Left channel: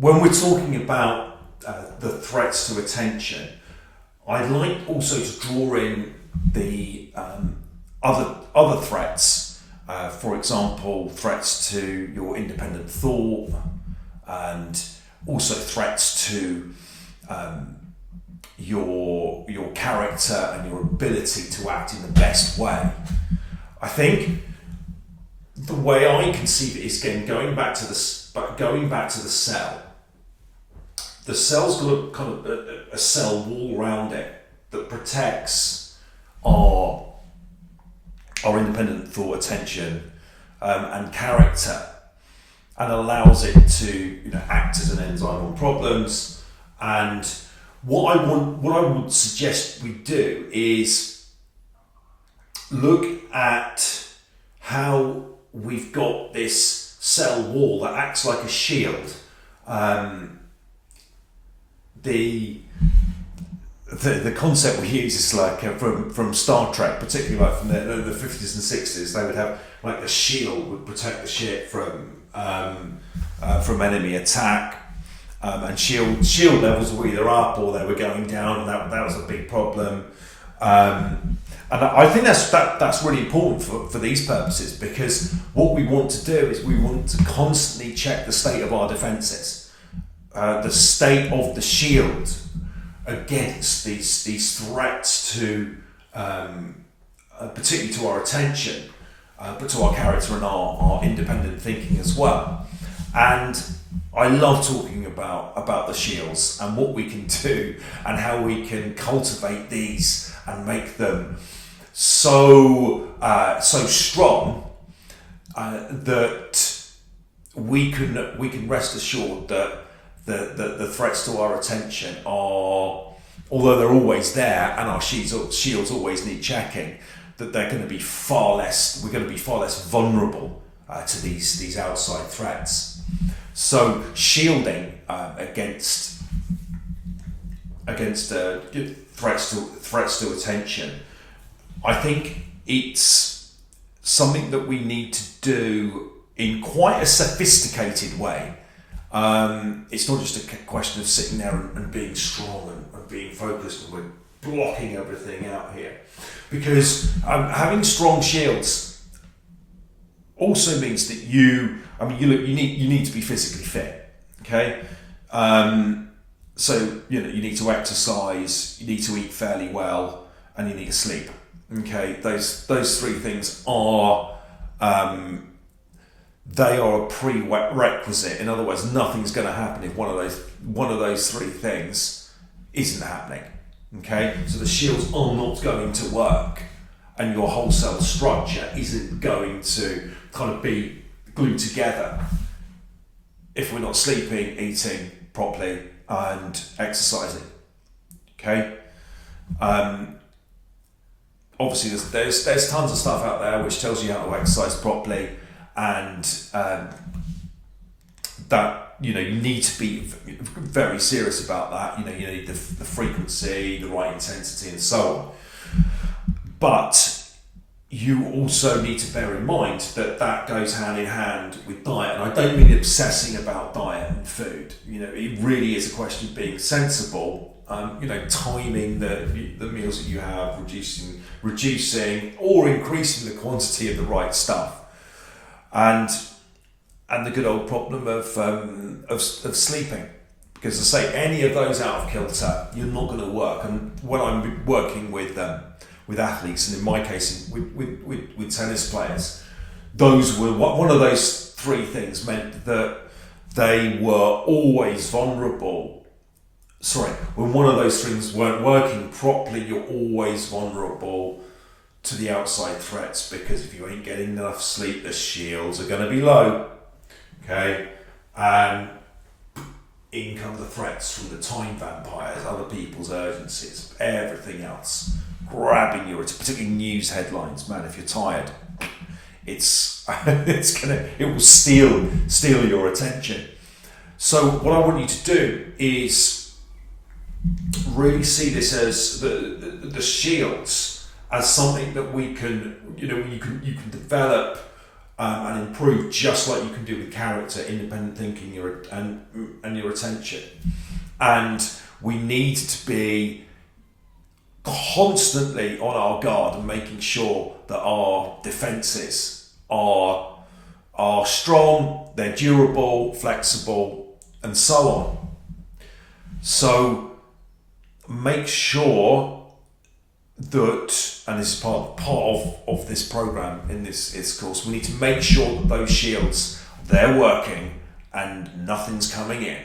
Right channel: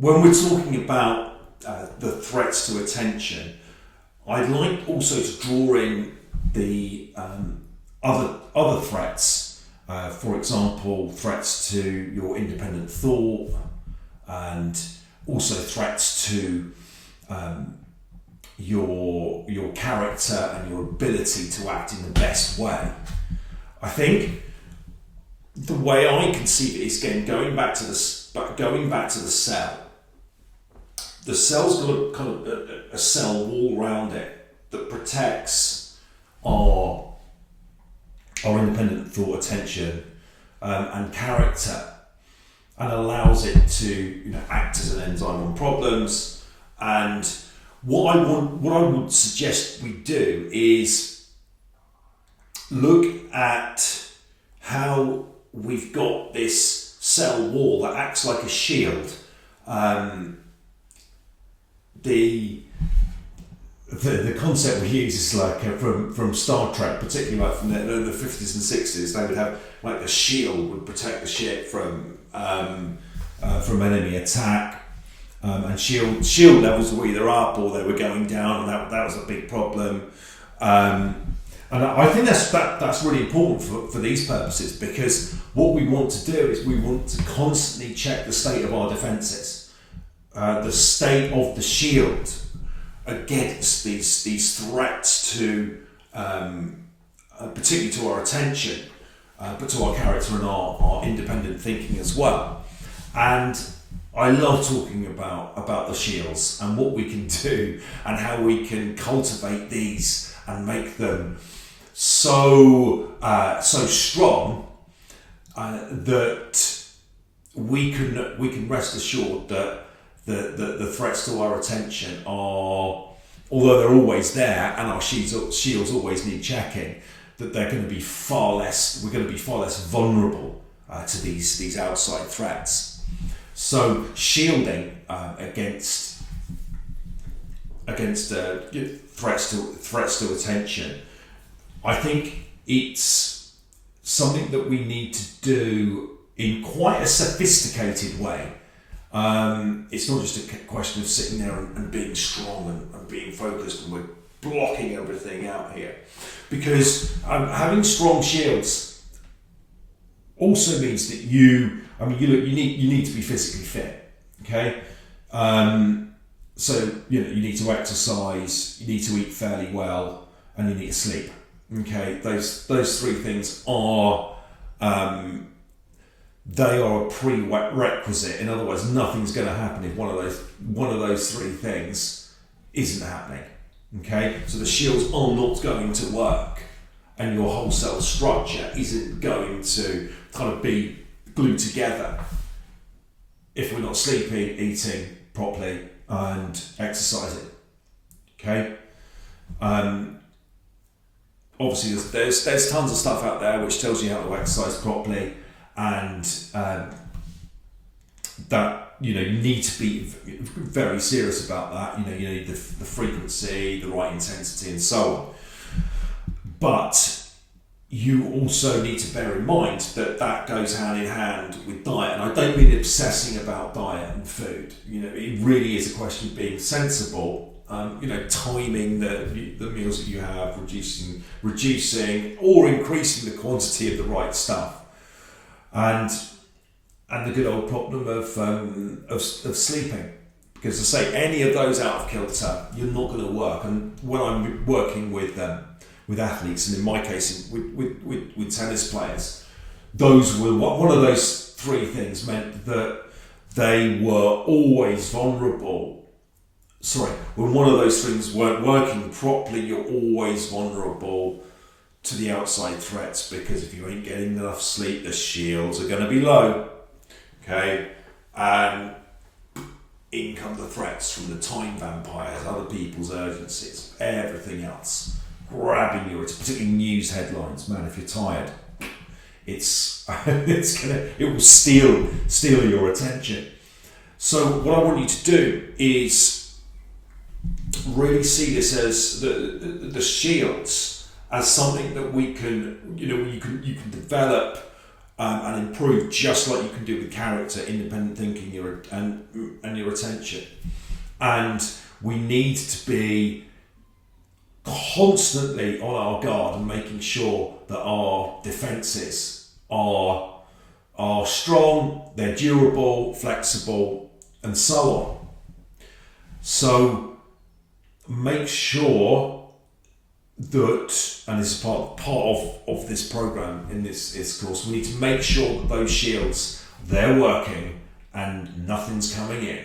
when we're talking about the threats to attention, I'd like also to draw in the other threats. For example, threats to your independent thought, and also threats to your character and your ability to act in the best way. I think the way I conceive it is, again, going back to the cell. The cell's got a kind of a cell wall around it that protects our independent thought, attention, and character, and allows it to act as an enzyme on problems. And what I would suggest we do is look at how we've got this cell wall that acts like a shield. The concept we use is like from Star Trek, particularly like from the 50s and 60s. They would have like a shield would protect the ship from enemy attack, and shield levels were either up or they were going down, and that was a big problem. And I think that's really important for these purposes, because what we want to do is we want to constantly check the state of our defences, the state of the shield against these threats to, particularly to our attention, but to our character and our independent thinking as well. And I love talking about the shields and what we can do and how we can cultivate these and make them so strong that we can rest assured that the threats to our attention are, although they're always there and our shields always need checking, that they're going to be we're going to be far less vulnerable to these outside threats. So shielding against threats to attention, I think it's something that we need to do in quite a sophisticated way. It's not just a question of sitting there and being strong and being focused and we're blocking everything out here, because having strong shields also means that you need to be physically fit. Okay, so you need to exercise, you need to eat fairly well, and you need to sleep. Okay, those three things are they are a prerequisite. In other words, nothing's going to happen if one of those three things isn't happening. Okay, so the shields are not going to work, and your whole cell structure isn't going to kind of be glued together if we're not sleeping, eating properly, and exercising. Okay. Obviously, there's tons of stuff out there which tells you how to exercise properly, and that you need to be very serious about that. You need the frequency, the right intensity, and so on. But you also need to bear in mind that goes hand in hand with diet, and I don't mean obsessing about diet and food. It really is a question of being sensible. Timing the meals that you have, reducing or increasing the quantity of the right stuff, and the good old problem of sleeping, because as I say, any of those out of kilter, you're not going to work. And when I'm working with athletes, and in my case with tennis players, those were one of those three things meant that they were always vulnerable. When one of those things weren't working properly, you're always vulnerable to the outside threats, because if you ain't getting enough sleep, the shields are going to be low. Okay, and in come the threats from the time vampires, other people's urgencies, everything else grabbing you. It's particularly news headlines, man. If you're tired, it will steal your attention. So what I want you to do is really see this as the shields as something that we can, you can develop and improve, just like you can do with character, independent thinking, and your attention. And we need to be constantly on our guard and making sure that our defences are strong, they're durable, flexible, and so on. So make sure that, and this is part of this program in this course, we need to make sure that those shields, they're working and nothing's coming in.